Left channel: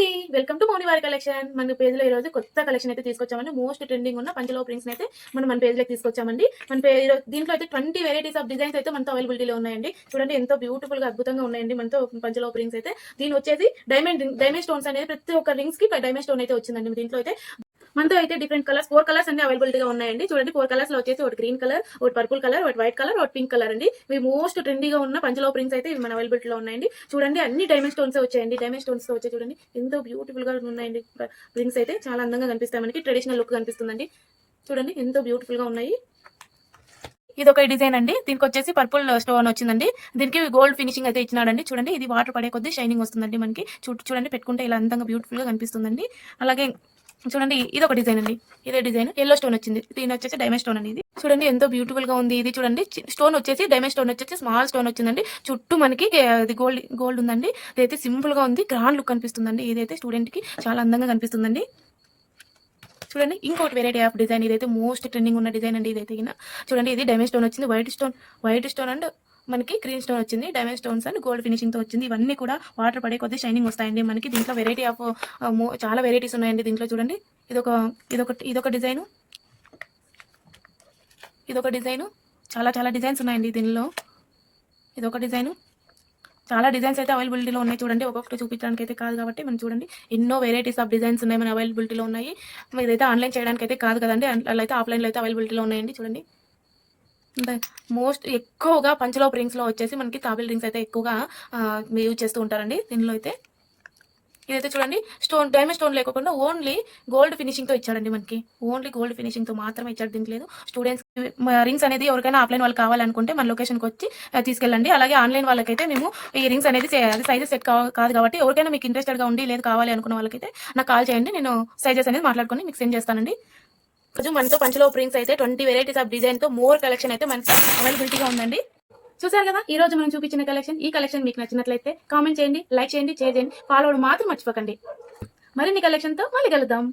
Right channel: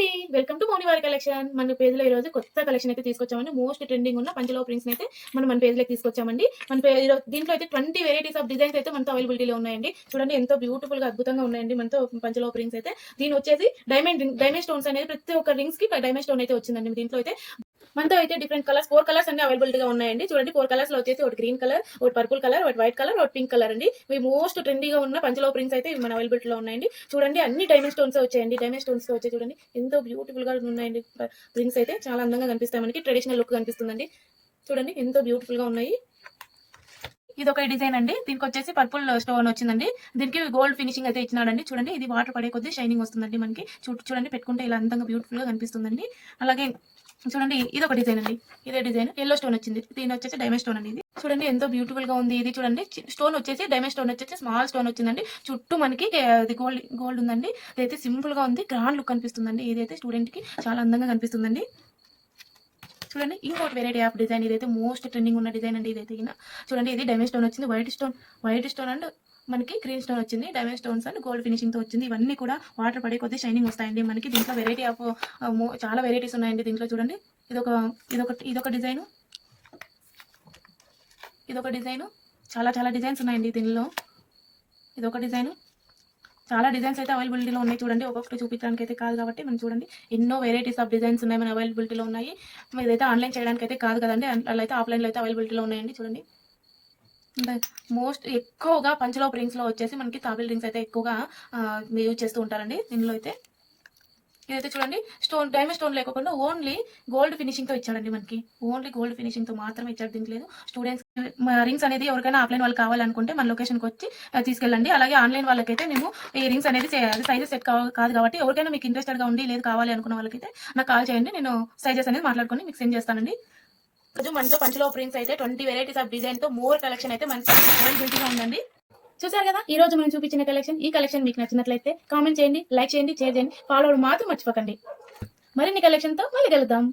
అండి. Welcome to మౌనివారి collection. మన పేజ్‌లో ఈరోజు కొత్త కలెక్షన్ అయితే తీసుకొచ్చామండి. మోస్ట్ ట్రెండింగ్ ఉన్న పంచలోహ ప్రింట్స్‌ని అయితే మనం మన పేజ్‌లోకి తీసుకొచ్చామండి. దీంట్లో అయితే 20 వెరైటీస్ ఆఫ్ డిజైన్స్ అయితే మనతో అవైలబిలిటీలో ఉన్నాయండి. చూడండి ఎంతో బ్యూటిఫుల్‌గా అద్భుతంగా ఉన్నాయండి మనతో పంచలోహ ప్రింట్స్ అయితే. దీని వచ్చేసి డైమండ్ స్టోన్స్ అనేది ప్రతి ఒక్క రింగ్స్‌కి డైమండ్ స్టోన్ అయితే వచ్చిందండి. దీంట్లో అయితే మనతో అయితే డిఫరెంట్ కలర్స్ 4 కలర్స్ అన్ని అవైలబిలిటీగా ఉన్నాయండి. చూడండి 4 కలర్స్ లో వచ్చేసి ఒకటి గ్రీన్ కలర్, ఒకటి పర్పుల్ కలర్, ఒకటి వైట్ కలర్, ఒకటి పింక్ కలర్ అండి. ఇవి మోస్ట్ ట్రెండీగా ఉన్న పంచలోహ ప్రింట్స్ అయితే ఇవి మన అవైలబిలిటీలో ఉన్నాయండి. చూడండి అన్ని డైమండ్ స్టోన్స్ వచ్చాయండి. డైమండ్ స్టోన్స్ తో వచ్చాయి చూడండి. ఎంతో బ్యూటిఫుల్ గా ఉన్నాయండి. రింగ్స్ అయితే చాలా అందంగా కనిపిస్తాయి. మనకి ట్రెడిషనల్ లుక్ కనిపిస్తుందండి. చూడండి ఎంతో బ్యూటిఫుల్ గా ఉన్నాయి. ఇది ఒక డిజైన్ అండి. దీనికి వచ్చేసి పర్పుల్ స్టోన్ వచ్చిందండి. దీనికి గోల్డ్ ఫినిషింగ్ అయితే ఇచ్చినాడండి. చూడండి ఇది వాటర్ పడే కొద్దీ షైనింగ్ వస్తుందండి మనకి. చూడండి పెట్టుకుంటే ఇలా అందంగా బ్యూటిఫుల్ గా కనిపిస్తుందండి. అలాగే చూడండి ఇది ఒక డిజైన్ అండి. ఇదే డిజైన్ ఎల్లో స్టోన్ వచ్చింది. దీని వచ్చేసి డైమండ్ స్టోన్ అండి. ఇది చూడండి ఎంతో బ్యూటిఫుల్ గా ఉంది. ఇది చూడండి స్టోన్ వచ్చేసి డైమండ్ స్టోన్ వచ్చేసి స్మాల్ స్టోన్ వచ్చిందండి. చుట్టూ మనకి అది గోల్డ్ ఉందండి. ఇదైతే సింపుల్ గా ఉంది. గ్రాండ్ లుక్ కనిపిస్తుందండి. ఇదైతే స్టూడెంట్ కి చాలా అందంగా కనిపిస్తుందండి. చూడండి ఇంకొకటి వెరైటీ ఆఫ్ డిజైన్. ఇదైతే మోస్ట్ ట్రెండింగ్ ఉన్న డిజైన్ అండి. ఇదైతే చూడండి ఇది డైమండ్ స్టోన్ వచ్చింది. వైట్ స్టోన్ అండ్ మనకి గ్రీన్ స్టోన్ వచ్చింది. Diamond stones and gold finishing తో వచ్చింది. ఇవన్నీ కూడా వాటర్ పడే కొద్ది షైనింగ్ వస్తాయండి మనకి. దీంట్లో వెరైటీ ఆఫ్ చాలా వెరైటీస్ ఉన్నాయండి. దీంట్లో చూడండి ఇదొక డిజైన్, చాలా డిజైన్స్ ఉన్నాయండి దీనిలో. ఇదొక డిజైన్, చాలా డిజైన్స్ అయితే అవైలబిలిటీలో ఉన్నాయి. చూడండి ఒక్కొక్కటి చూపించడానికి అయితే కాదు కాబట్టి మనం చూడండి ఎన్నో వెరైటీస్ ఆఫ్ డిజైన్స్ ఉన్నాయి మన అవైలబిలిటీలో ఉన్నాయి. ఇదైతే ఆన్లైన్ చేయడానికి అయితే కాదు కదండి, అలా అయితే ఆఫ్లైన్లో అయితే అవైలబిలిటీలో ఉన్నాయండి. చూడండి మోస్ట్ ఎక్కువగా పంచలోహ రింగ్స్లో వచ్చేసి మనకి తాబిల్ రింగ్స్ అయితే ఎక్కువగా యూజ్ చేస్తూ ఉంటారండి. దీనిలో అయితే ఇదైతే చూడండి డైమండ్ స్టోన్ లేకుండా ఓన్లీ గోల్డ్ ఫినిషింగ్ తో ఇచ్చాడండి మనకి. ఓన్లీ గోల్డ్ ఫినిషింగ్ తో మాత్రమే ఇచ్చాడు. దీనికి లేదు స్టూడెంట్స్ రింగ్స్ అనేది ఎవరికైనా ఆఫ్లైన్ వాళ్ళు కావాలనుకుంటే మన లొకేషన్కి వచ్చి తీసుకెళ్ళండి. అలాగే ఆన్లైన్ వాళ్ళకైతే మేము ఈ రింగ్స్ అనేది సైజెస్ సెట్ కాదు కాబట్టి ఎవరికైనా మీకు ఇంట్రెస్టెడ్గా ఉండి లేదు కావాలి అనుకున్న వాళ్ళకైతే నాకు కాల్ చేయండి. నేను సైజెస్ అనేది మాట్లాడుకొని మీకు సెండ్ చేస్తానండి. రోజు మనతో పంచలోహ ప్రింట్స్ అయితే 20 వెరైటీస్ ఆఫ్ డిజైన్ తో మోర్ కలెక్షన్ అయితే మనకి అవైలబిలిటీగా ఉందండి. చూసారు కదా ఈ రోజు మనం చూపించిన కలెక్షన్. ఈ కలెక్షన్ మీకు నచ్చినట్లయితే కామెంట్ చేయండి, లైక్ చేయండి, షేర్ చేయండి, ఫాలో అవ్వడం మాత్రం మర్చిపోకండి. మరిన్ని కలెక్షన్ తో మళ్ళీ కలుద్దాం.